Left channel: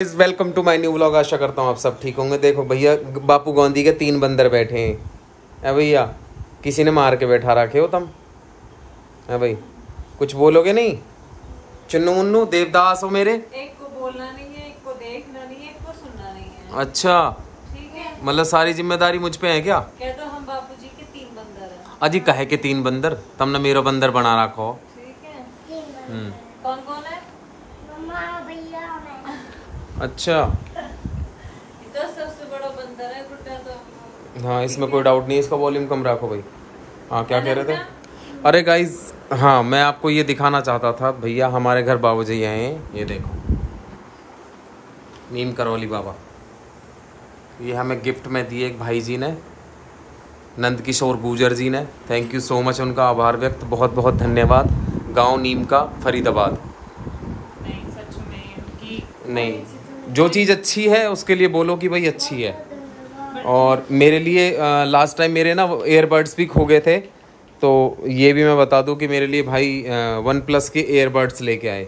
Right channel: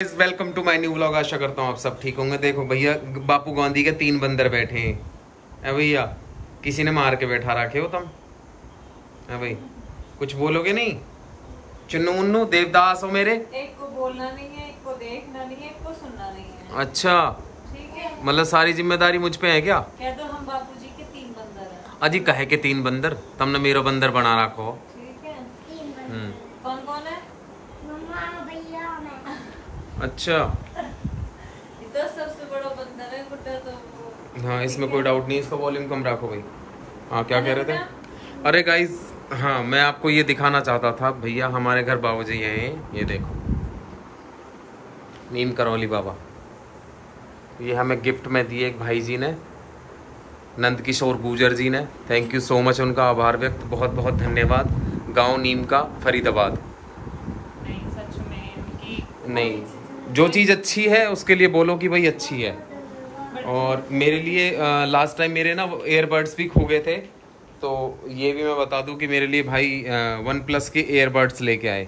Welcome to my new vlog. आशा करता हूँ आप सब ठीक होंगे। देखो भैया, बापू गोंदी के 3 बंदर बैठे हैं। भैया किसी ने मार के बैठा रखे हो तुम। है भाई, कुछ बोलोगे नहीं? चुन्नू मुन्नू देवदास हो मेरे। एक को बोलना नहीं है, एक को देखना नहीं है, एक को सुनना नहीं है। अच्छा, ठीक है। मतलब सारी जिम्मेदारी मुझ पे है क्या? कह दो हम बापूजी के 3 बंदर हैं। अजी कहे के 3 बंदर, तुमने मेरो बंदर बना रखो। ठीक है। कौन कौन है? मम्मा, भैया, मैं। अच्छा, ये तो सबसे बड़ा बंदर है गुड्डा तो। हाँ इसमें कोई डाउट नहीं। इसका वॉल्यूम कम रखो भाई। हाँ क्या कह रहे थे? अरे गाइज, हाँ मैं आपको ये दिखाना चाहता था भैया, हमारे घर बाबूजी आए हैं। ये देखो, नीम करौली बाबा। ये हमें गिफ्ट में दिए एक भाई जी ने, नंद किशोर गुजर जी ने। थैंक यू सो मच, उनका आभार व्यक्त, बहुत बहुत धन्यवाद। गांव नीम का, फरीदाबाद। नहीं सच में कि नहीं, जो चीज़ अच्छी है उसके लिए बोलो कि भाई अच्छी है। और मेरे लिए लास्ट टाइम मेरे ना एयरबड्स भी खो गए थे, तो ये भी मैं बता दूं कि मेरे लिए भाई वन प्लस के एयरबड्स लेके आए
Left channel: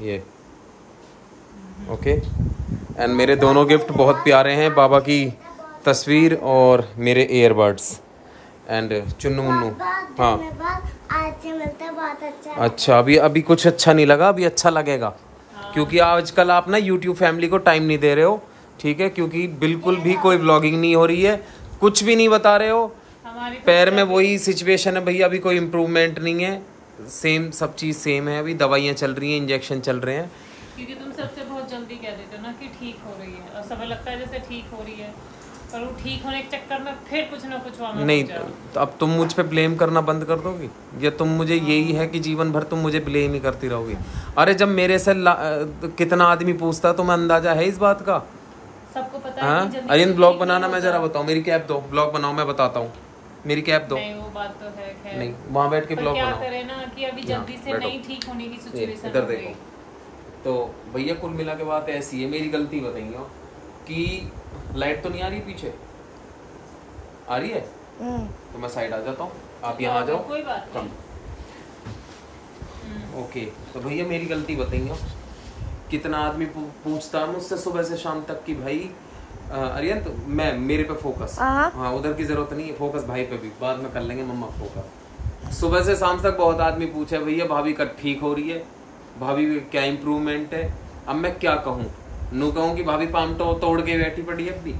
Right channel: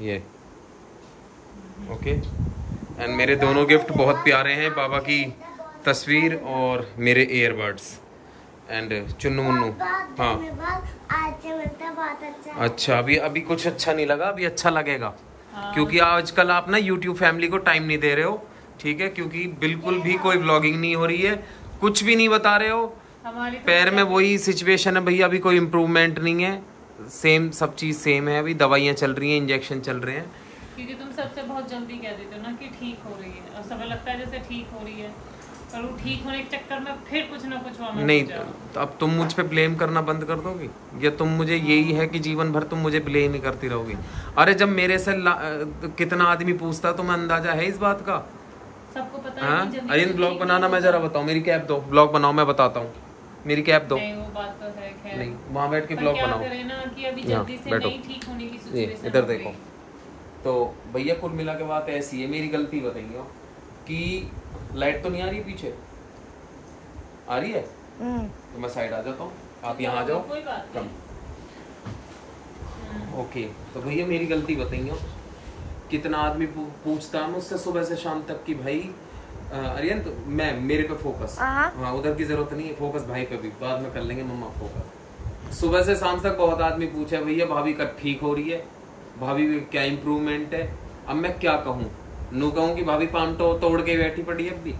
ये। ओके, एंड मेरे दोनों गिफ्ट बहुत प्यारे हैं, बाबा की तस्वीर और मेरे एयरबड्स। एंड चुन्नू मुन्नू, हाँ आज से मिलता है, बहुत अच्छा। अच्छा, अभी कुछ अच्छा नहीं लगा, अभी अच्छा लगेगा। क्योंकि आजकल आप ना YouTube फैमिली को टाइम नहीं दे रहे हो, ठीक है? क्योंकि बिल्कुल भी कोई व्लॉगिंग नहीं हो रही है, कुछ भी नहीं बता रहे हो। हमारी पैर में वही सिचुएशन है भैया, अभी कोई इम्प्रूवमेंट नहीं है, सेम सब चीज़ सेम है। अभी दवाइयाँ चल रही हैं, इंजेक्शन चल रहे हैं। क्योंकि तुम सबसे बहुत जल्दी कह देते हो ना कि ठीक हो रही है, और सबको लगता है जैसे ठीक हो रही है, पर वो ठीक होने के चक्कर में फिर कुछ ना कुछ वहाँ नहीं, तो अब तुम मुझ पे ब्लेम करना बंद कर दोगी, या तुम मुझे यही है कि जीवन भर तुम मुझे ब्लेम ही करती रहोगी? अरे जब मेरे से कितना आदमी पूछता, तुम्हें अंदाजा है इस बात का? सबको पता हाँ, है। अरे ब्लॉग बनाना, मैं जरा बताऊँ, मेरी कैप दो, ब्लॉग बनाओ, मैं बताता हूँ, मेरी कैप दो। नहीं वो बात तो है, खैर नहीं, वहाँ बैठ के ब्लॉग बनाओ। करे ना कि अभी जल्दी से नहीं ठीक होने की सिचुएशन इधर देखो। तो भैया कुल मिला के बात ऐसी है, मेरी गलती बताइए कि लाइट तो नहीं आ रही पीछे, आ रही है? तो मैं साइड आ जाता हूँ, आप यहाँ आ जाओ। कोई बात कम। ओके, तो भैया मेरी गलती बताइए। कितना आदमी पूछता है मुझसे सुबह से शाम तक कि भाई अरियंत, मैं मेरे पे फोकस, हाँ उधर की जरूरत नहीं है, फोकस भाई पे भी बाद में कर लेंगे मम्मा फोकस। सुबह से शाम तक बहुत आदमी पूछे भैया भाभी का ठीक हो रही है, भाभी में क्या इम्प्रूवमेंट है? अब मैं क्या कहूँ? नू कहूँ कि भाभी पाम तो तोड़ के बैठी पड़ी है अभी?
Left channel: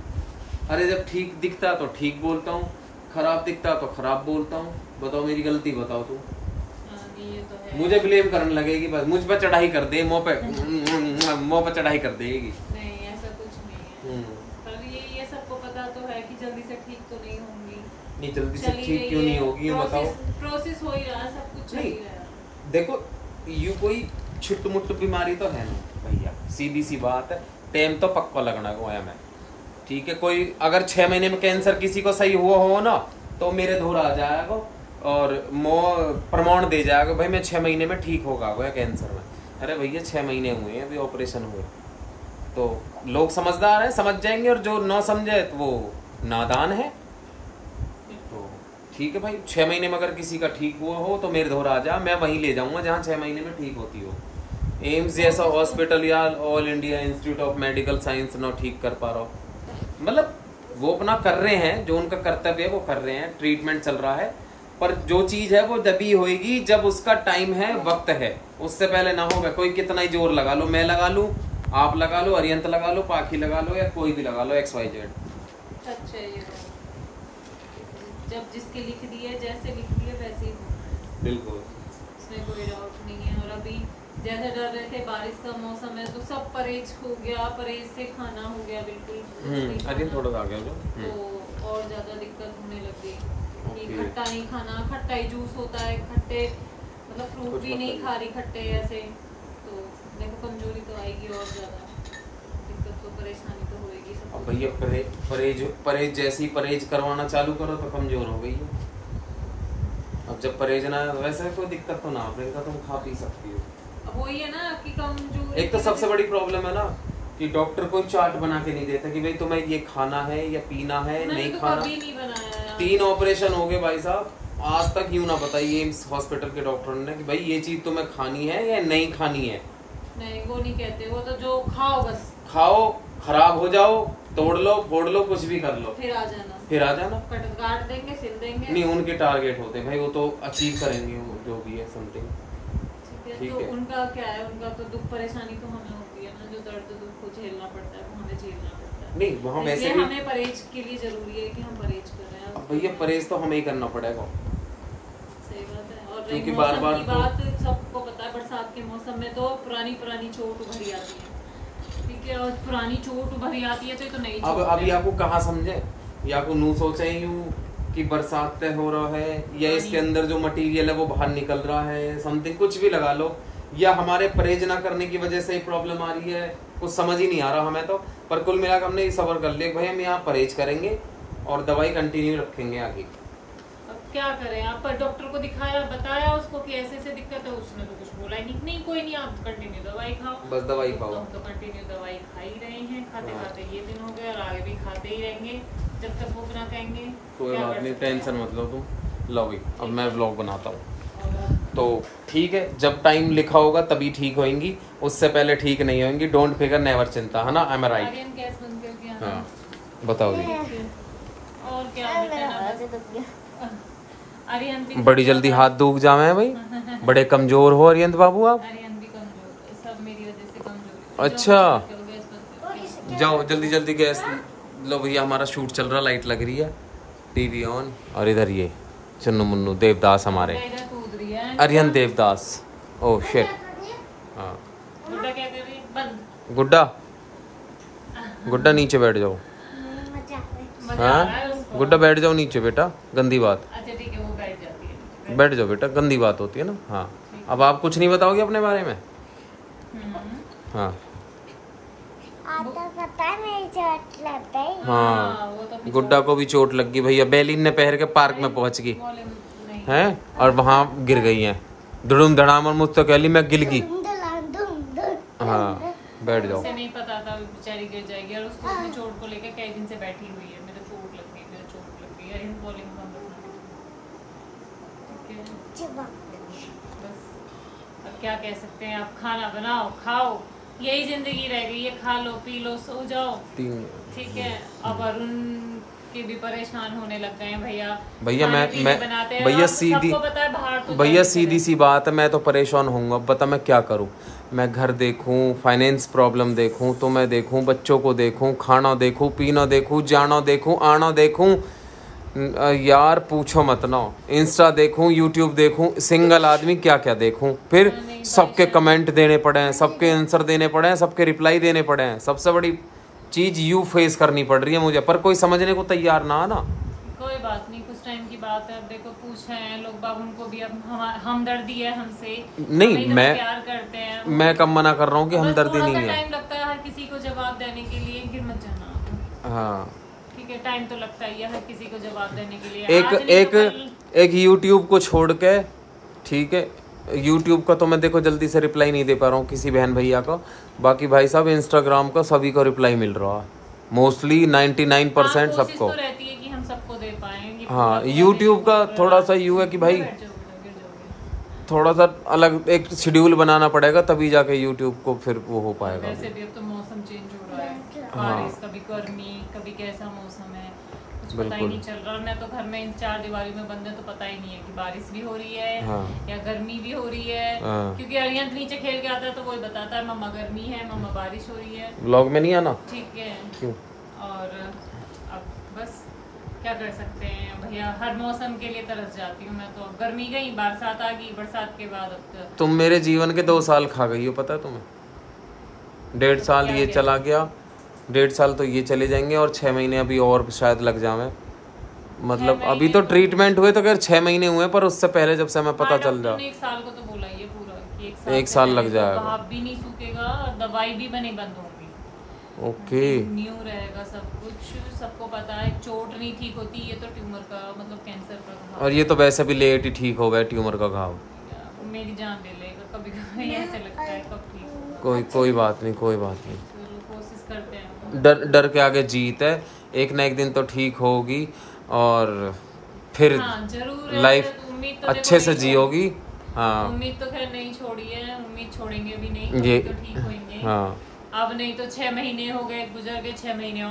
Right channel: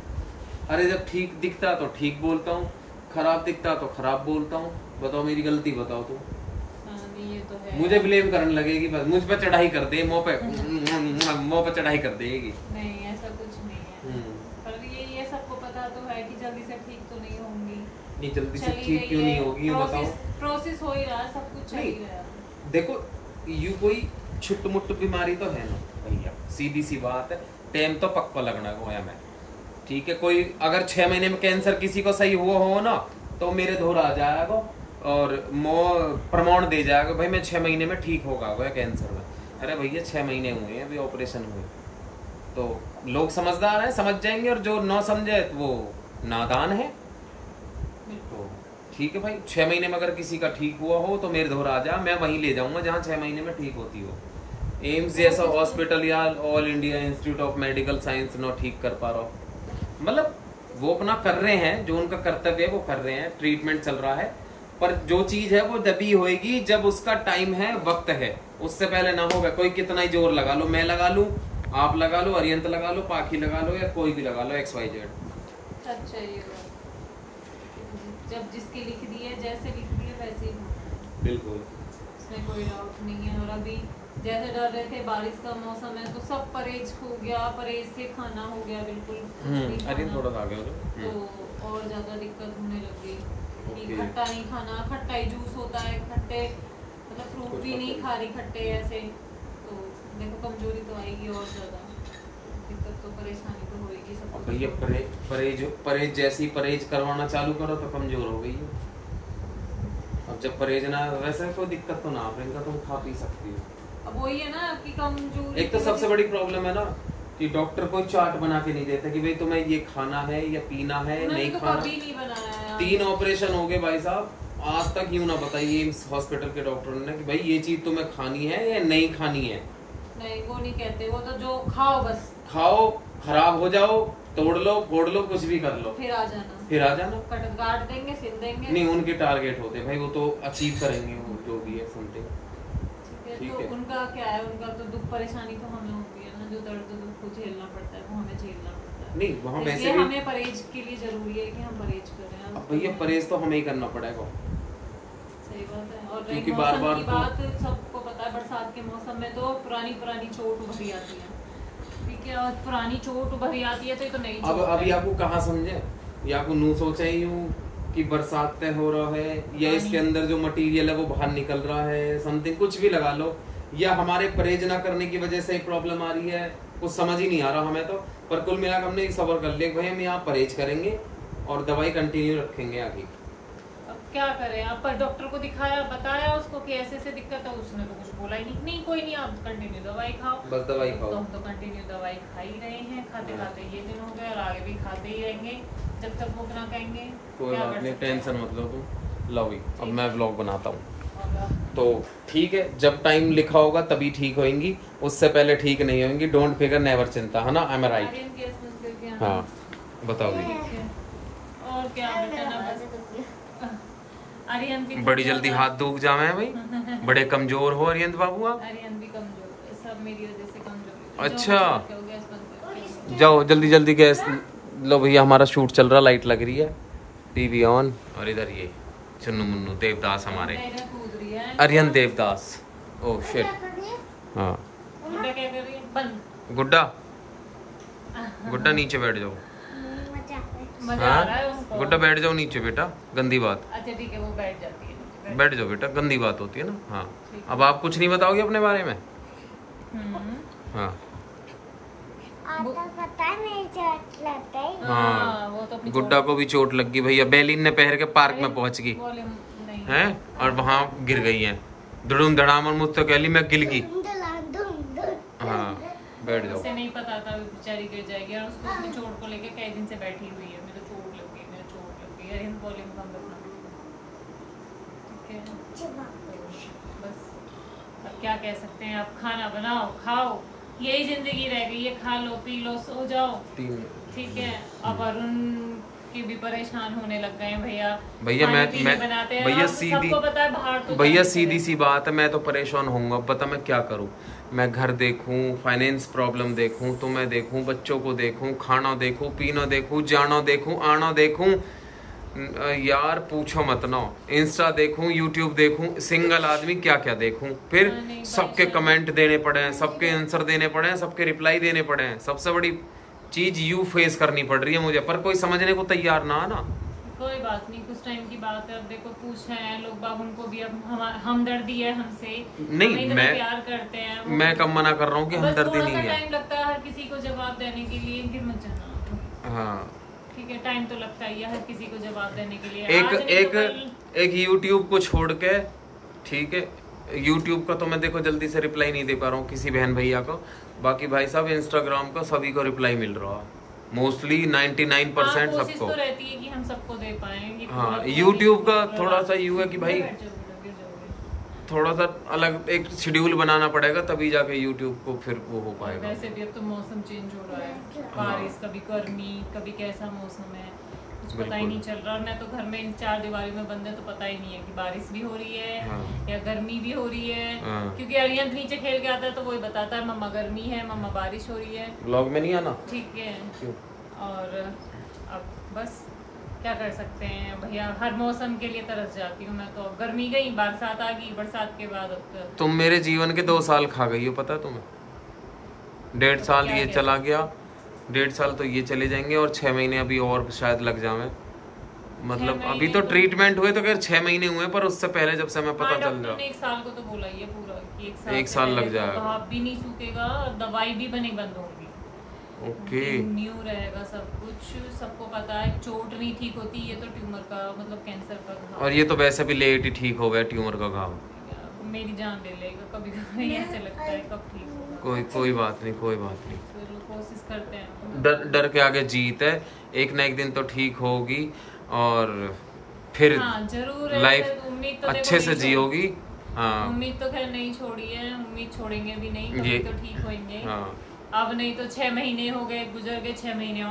अरे जब ठीक दिखता तो ठीक बोलता हूँ, खराब दिखता तो खराब बोलता हूँ। बताओ मेरी गलती बताओ तुम। तो मुझे ब्लेम करने लगेगी, बस मुझ पर चढ़ाई कर दे, मुँह पे चढ़ाई कर देगी। नहीं ऐसा कुछ नहीं है, पर ये सबको पता तो है कि जल्दी से ठीक तो नहीं होंगी। नहीं जल्दी से ठीक क्यों नहीं होगी बताओ? प्रोसेस हो ही रहा है, सब कुछ चल ही रहा है। देखो, यू कोई छुट्ट मुट्ट बीमारी तो है ना भैया, सीधी सी बात है, टाइम तो पक्का लगना है मैं, ठीक है? कोई अगर 6 महीने में कैंसर किसी को सही हुआ हो ना, तो मेरे धूर आ जाएगा और प्रमाण दे जाएगा भाई मैं 6 महीने में ठीक होगा वो कैंसर में। अरे भैया 6 महीने हुए हैं अभी ऑपरेशन हुए, तो लोग समझदार हैं, समझ जाएंगे, और जो ना समझे तो वो नादान है। तो ठीक है भाई, 6 महीने में अगर किसी का ठीक हुआ हो तो मेरे धोर आ जा, मैं वहीं ले जाऊंगा जहाँ 6 महीने में ठीक होती हो। एम्स जैसा हॉस्पिटल या all India institute of medical science ना ठीक कर पा रहा हो, मतलब वो अपना कर रहे हैं, जो उनका कर्तव्य है वो कर रहे हैं, ट्रीटमेंट चल रहा है, पर जो चीज है वो तभी होएगी जब उसका टाइम है, वक्त है, उससे पहले ना होगा। कोई कितना ही जोर लगा लो, मैं लगा लूं, आप लगा लो, अरियंत लगा लो, पाखी लगा लो, या कोई भी लगा लो, XYZ। अच्छा, ये जब जिसके लिख दिए, जैसे लिख दिए वैसे ही होना, बिल्कुल, इसमें कोई डाउट नहीं है। और अभी जैसे डर रहे थे बारिश का मौसम है तो सब परहेज हो गया, परहेज से खाना हो गया बिल्कुल। अरे थोड़ा सा आगे तो और ज्यादा दिक्कत होने लग गई कि खट्टा नहीं खाना, खट्टा ही जूस होता है, खट्टे मतलब फ्रूट भी नहीं खा रही खट्टे ऐसे, तो देखो कमजोरी तो आएगी और ज्यादा दिक्कत, तो परेशानी तो होएगी सब। भैया परहेज जैसे ही परहेज करवाना चालू करो तो कमजोर हो गई हो। अब जब परहेज ना, वैसे कोई दिक्कत तो ना, तुम खा पी सकती हो। अब वही है ना कि कमजोरी, एक तो सबसे बड़ी प्रॉब्लम है ना कि डॉक्टर कोई चार्ट बना के नहीं देता कि भाई तुम्हें ये खाना है या पीना है, नहीं तो खाना। कभी नहीं बनाया। 3 ऑपरेशन हो गए भाई साहब, आज तक यूं ना बताइए एम्स हॉस्पिटल के डॉक्टर ने कि भाई ये चीज तुम्हें खानी है या नहीं खानी है। नहीं वो नहीं कहते, वो तो जो खाओ बस खाओ, खराब हो जाओ, तोड़ लो, फोड़ लो, कुछ भी कर लो, फिर आ जाना, काट देंगे, सिल देंगे। नहीं, उनके टारगेट होते हैं भाई, वो तो अचीव करेंगे वो जो भी है समथिंग। ठीक है, तो उनका क्या है, उनका तो दुख परेशानी तो हमें होती है ना, जो दर्द दुख को झेलना पड़ता है वो हमें झेलना पड़ता है। नहीं, वहाँ वैसे भी हमें परहेज के लिए जरूरी है कि हम परहेज करें। भैया परहेज तो हमें ही करना पड़ेगा, सही बात है। और क्योंकि मौसम बार-बार की बात सबको पता है, बरसात के मौसम में तो पुरानी चोट उभरी आती है, ठीक है, और पुरानी चोट उभरी आती है तो ये तो नहीं। अब अभी आपको कहाँ समझे, या आपको नू सोचे यूं कि बरसात तय हो रहा है, या इसके अंदर जो मटेरियल है वो बाहर निकल रहा है, समथिंग कुछ भी लगा लो, या हमारे परहेज ना करने की वजह से ही प्रॉब्लम आ रही है, कुछ समझ ही नहीं आ रहा हमें तो। पर कुल मिलाकर हमने ये सबर कर लिया भाई हम यहाँ परहेज करेंगे और दवाई कंटिन्यू रखेंगे आगे। अब क्या करें, आप पर डॉक्टर को दिखाया, बताया उसको कि ऐसे ऐसे दिक्कत है, उसने तो कुछ बोला ही नहीं, कोई नहीं, आप कंटिन्यू दवाई खाओ, बस दवाई खाओ। तो हम तो कंटिन्यू दवाई खा ही रहे हैं, खाते खाते ये दिन हो गए और आगे भी खाते ही रहेंगे जब तक वो ना कहेंगे। कोई बात नहीं, टेंशन मत लो तुम। लो भाई अब मैं व्लॉग बनाता हूँ, तो ठीक है, जब टाइम लिखा होगा तभी ठीक होंगी, उससे पहले ठीक नहीं होंगी। डोंट फिकर, नेवर चिंता, है ना, आई एम राइट। हाँ बताओ जी। और क्या बेटा ना, बस आर्यन भी बड़ी जल्दी हाथ दुख जावे हैं भाई, बड़े कमजोर हो आर्यन बाबू आप। आर्यन भी कमजोर, सब मेरी वजह से कमजोर। अच्छा जाओ जल्दी जल्दी गैस लो भैया, हमारा शूट चल रहा, लाइट लग रही है, टीवी ऑन, और इधर ये चुन्नू मुन्नू देवदास हमारे, आर्यन देवदास। Oh shit. हाँ गुड्डा क्या कर रही है, बंद। गुड्डा नीचे बैठ जाओ। मजा आ रहा है हाँ उसको। गुड्डा बैठ जाओ नीचे बेटा, गंदी बात। अच्छा ठीक है, वो बैठ जाती है। बैठ जाओ बेटा, गंदी बात होती है ना। हाँ अब आप कुछ नहीं बताओगे अपने बारे में। हाँ आता पता है मेरी चोट लग गई। हाँ वो तो गुड्डा को भी चोट लग गई भैया, बैलिन ने पहन के पार्क में पहुंच गई है और वहाँ गिर गई है, धड़ुम धड़ाम, और मुझसे कह ली मैं गिर गई। हाँ बैठ जाओ। उसे नहीं पता था वो बेचारी गिर जाएगी, और उसको अपनी चोट को लेकर कई दिन से बैठी हुई है, मेरे चोट लग गई, मेरे चोट लग गई। अरे वॉल्यूम कम रखना, ठीक है, बस अब क्या कह सकते हैं, आप खाना बनाओ, खाओ, यही जिंदगी रह गई है, खा लो, पी लो, सो जाओ, ठीक है। अब अरुण के भी परेशान होने लग गए हैं भैया। मैं बनाते हैं, भैया सीधी, सबको पता है बाहर तो भैया सीधी सी बात है, मैं तो परेशान होऊंगा। बता मैं क्या करूं, मैं घर देखूं, फाइनेंस प्रॉब्लम देखूं, तो मैं देखूं, बच्चों को देखूं, खाना देखूं, पीना देखूं, जाना देखूं, आना देखूं, यार पूछो मत ना, इंस्टा देखूं, यूट्यूब देखूं, सिंगल आदमी क्या क्या देखूं, फिर सबके कमेंट देने पड़े हैं, सबके आंसर देने पड़े हैं, सबके रिप्लाई देने पड़े हैं। सबसे बड़ी चीज यू फेस करनी पड़ रही है मुझे, पर कोई समझने को तैयार ना ना। कोई बात नहीं, कुछ टाइम की बात है। अब देखो पूछे हैं लोग बाग, उनको भी अब हमदर्दी है हमसे, नहीं मैं प्यार करते हैं, मैं कब मना कर रहा हूँ कि हमदर्दी नहीं है। टाइम लगता है हर किसी को जवाब देने के लिए, गिर मत जाना। हाँ ठीक है, टाइम तो लगता ही है हर किसी को जवाब देने के लिए। एक YouTube को छोड़ के, ठीक है, YouTube का तो मैं देखो जल्दी से रिप्लाई नहीं दे पा रहा हूँ किसी बहन भैया को, बाकी भाई साहब इंस्टाग्राम का सभी को रिप्लाई मिल रहा है, मोस्टली 99% सबको। तो रहती है कि हम सबको दे पाएं। हाँ YouTube का थोड़ा सा यू है कि भाई थोड़ा सा अलग एक शेड्यूल बनाना पड़ेगा, तभी जाके YouTube को फिर वो हो पाएगा। वैसे भी अब तो मौसम चेंज हो रहा है, बारिश, कभी गर्मी, कभी कैसा मौसम है, कुछ पता ही नहीं चल रहा। मैं तो घर में इन 4 दीवारों में बंद है, तो पता ही नहीं है कि बारिश भी हो रही है या गर्मी भी हो रही है, क्योंकि अरियंत नीचे खेल के आता है तो वही बताता है मम्मा गर्मी है, मम्मा बारिश हो रही है। व्लॉग में नहीं आना, ठीक है। और अब बस क्या कर सकते हैं भैया, हर मौसम के लिए तरस जाती हूँ मैं तो। गर्मी गई, बरसात आ गई, बरसात के बाद अब तुम मेरे जीवन के 2 साल खा गई हो, पता है तुम्हें। 1.5 साल ये चला गया, 1.5 साल तो ये चले जाएंगे, और 6 महीने अभी और शायद लग जावे। मतलब अभी तो ट्रीटमेंट हुए तो खैर 6 महीने हुए, पर उससे पहले जब से हमें पता चल जाए 1 साल को तो बोला ही है पूरा कि 1 साल लग जाएगा, घाव भी नहीं सूखेगा और दवाई भी बनी बंद होंगी। ओके न्यू रहेगा सब कुछ, सबको पता है। चोट नहीं ठीक होती, ये तो ट्यूमर का मतलब कैंसर का घाव, और ये तो वैसे भी लेट ही ठीक हो गया ट्यूमर का घाव। मेरी जान ले लेगा कभी कभी, ऐसे लगता है कब ठीक होगा। कोई बात नहीं, कोई बात नहीं, चलो कोशिश करते हैं। डर के आगे जीत है, एक ना एक दिन तो ठीक होगी, और फिर जरूर लाइफ उम्मीद तो अच्छे से जियोगी। हाँ उम्मीद तो खैर नहीं छोड़ी है, उम्मीद छोड़ेंगे भी नहीं, ये तो ठीक होंगे। हाँ अब नहीं तो 6 महीने हो गए, गुजर गए 6 महीने और